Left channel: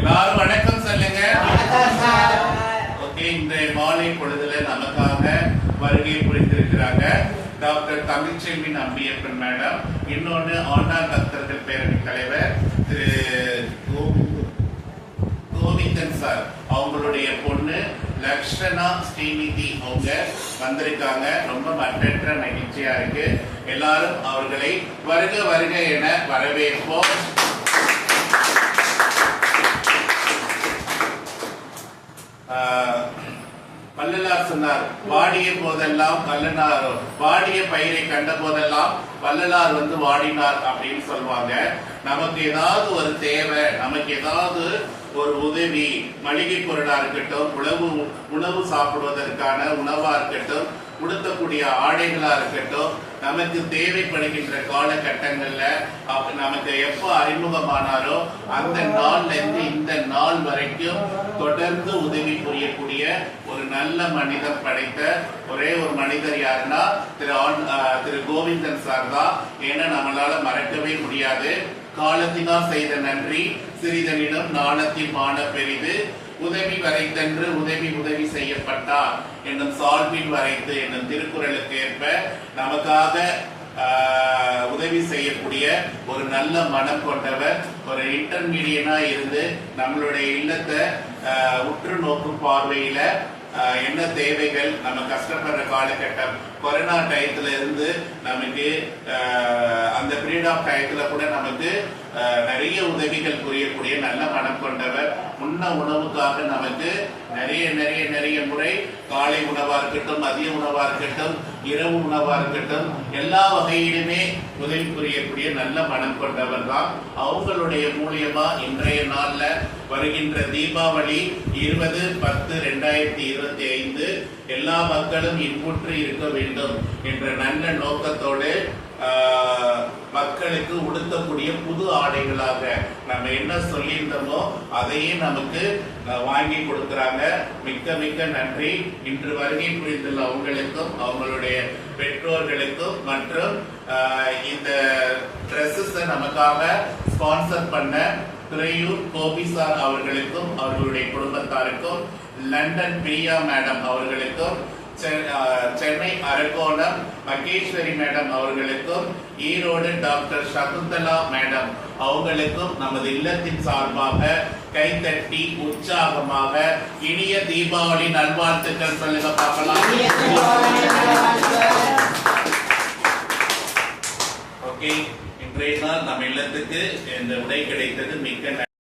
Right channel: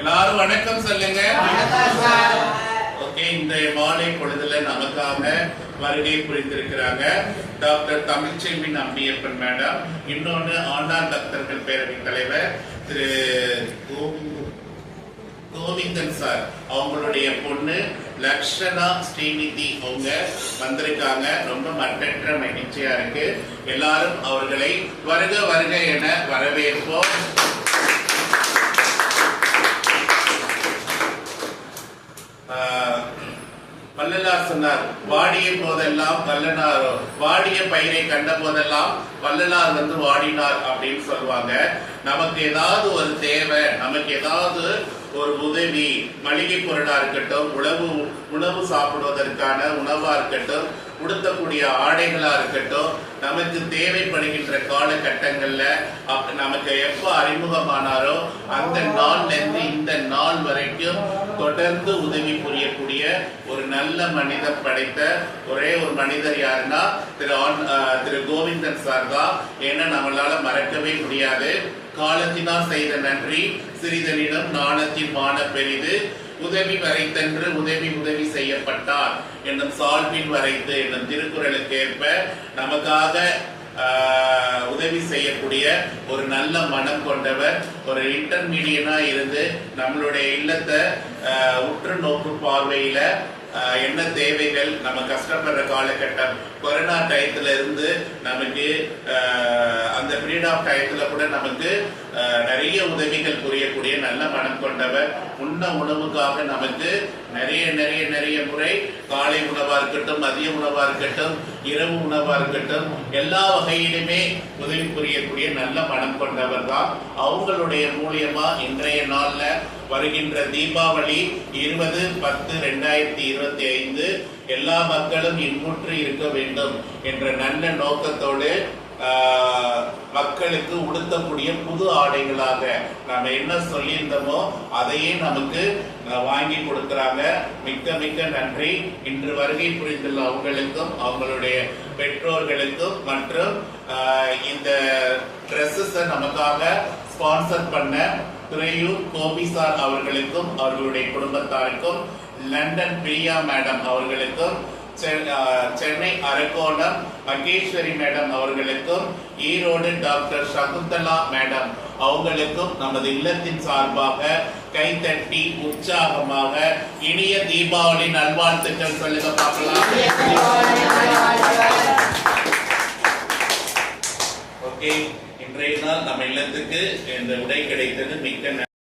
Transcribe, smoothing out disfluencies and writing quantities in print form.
எல்லாரும் வணக்கம் சொல்லுங்க. ஓகே, இந்த மாலை பொழுதுல நமக்காக வருகை புரிந்திருக்கிறாங்க டாக்டர் தமிழ்ச்செல்வி அம்பியப்பன் மேடம், இன்னொன்னு ஆண்டாள் பக்தர்கள் பேரவை தலைவர் திரு கோவிந்தன் சார், அவங்களுடைய பொண்ணு லக்ஷனா ஸ்ரீநிதி அவங்க வந்திருக்காங்க. ரொம்ப மற்றற்ற மகிழ்ச்சியா இருக்கு. எல்லாரும் அவர்களை வருக வருக என வரவேற்போம். வள்ளலார் சொன்னார், வாடிய போதெல்லாம் வல்லனார், வாடிய பயிரை கண்ட போதெல்லாம் வள்ளலார் வந்து வாடினார் அப்படின்னு சொல்லுவாங்க. நமக்கு ஏதாவது ஒரு தேவை, நமக்கு ஏதாவது ஒரு உதவி, மளிகை பொருளா இருக்கட்டும், உணவு சாப்பிடுவதற்கான உணவா இருக்கட்டும், உடுத்தக்கூடிய ஆடைகளா இருக்கட்டும், நமக்கு தேவைப்படுகின்ற காலகட்டங்கள்ல நமக்கு எப்ப அறிமுகமானாரோ அந்த நாள்ல இருந்து இந்த நாள் வரைக்கும் தொடர்ந்து உதவி புரியக்கூடிய ஒரு நல்ல மனிதம் படைத்த ஒரே ஒரு மனிதர் யாருன்னா திரு கோவிந்தன் சார் தான். ஏன்னா நம்மளால மறக்கவே முடியாது. காலத்தினால் செய்த நன்றி சிறிதனிடம் நாணத்தின் மான பெரிது, உதவி வரைத்தன்று உதவி செய்யப்பட்டார் என்னும் சால்பில் வரைத்து என்னும் திருக்குறளுக்கு ஏற்ப நமக்காக உதவி செய்யக்கூடிய ஒரு நல்ல மனம் கொண்டவர், ஒரு இன்டர்மீடியனா இருந்து நம்மளுடைய இல்லத்தை உற்று நோக்கு பார்வையில என்ன தேவைகள், நம்ம கஷ்டப்படுற காலகட்டம் கொரோனா டயத்துல இருந்து நமக்கு அந்த பீரியட் ஆஃப் டயத்துல கூட நமக்கு நிறைய உதவிகள் புரியக்கூடிய நல்ல மனம் கொண்டவர். உண்ண உணவுக்காக நமக்கு நிறைய முறை காலை உணவா இருக்கட்டும், மதிய உணவா இருக்கட்டும், இரவு உணவா இருக்கட்டும், எல்லா வகையிலுமே உதவி புரியக்கூடிய நல்ல மனம் கொண்டவர் தான். அவங்களுடைய மூலியமா இன்றைய நாள்ல வருகின்ற தீபாவளி 20/10/2025 எல்லா மக்களும் இன்புற்று இருக்க வேண்டும் என்ற நல்ல நோக்கத்தோடு மக்களுக்கு உடுத்தக்கூடிய புது ஆடைகளாக நம்ம என்ன சொல்லியிருந்தோமோ அதையே நமக்கு வாங்கி கொடுக்கிறாங்க. மிக்க நன்றி. இன்று வருகை புரிந்துள்ள அவங்களுக்கும் அவங்களுடைய பெற்றோர்களுக்கும் மற்றும் இந்த டிரெஸ்ஸஸ் நமக்காக ஸ்பான்சர் பண்ண துறையூர் கோபி சார் அவர்களுக்கும் அவர்களுடைய குடும்பத்தாருக்கும், லண்டன் பிரியா மேடம் அவர்களுக்கும், சென்னை அரக்கோணம் மகேஸ்வரி மேடம் அவர்களுக்கும், ஈரோடு டாக்டர் சகுந்தலா மேடம் அவங்களுக்கும் நமது இல்லத்தின் சார்பாக கைத்தட்டி உற்சாகமாக இனிய தீபாவளி நல்வாழ்த்துக்கள் சொல்லுங்க பார்க்கலாம். ஓகே, இன்றைய நாள் நம்ம இல்லத்துக்கு இந்த உடை கிடைத்தது மிக்க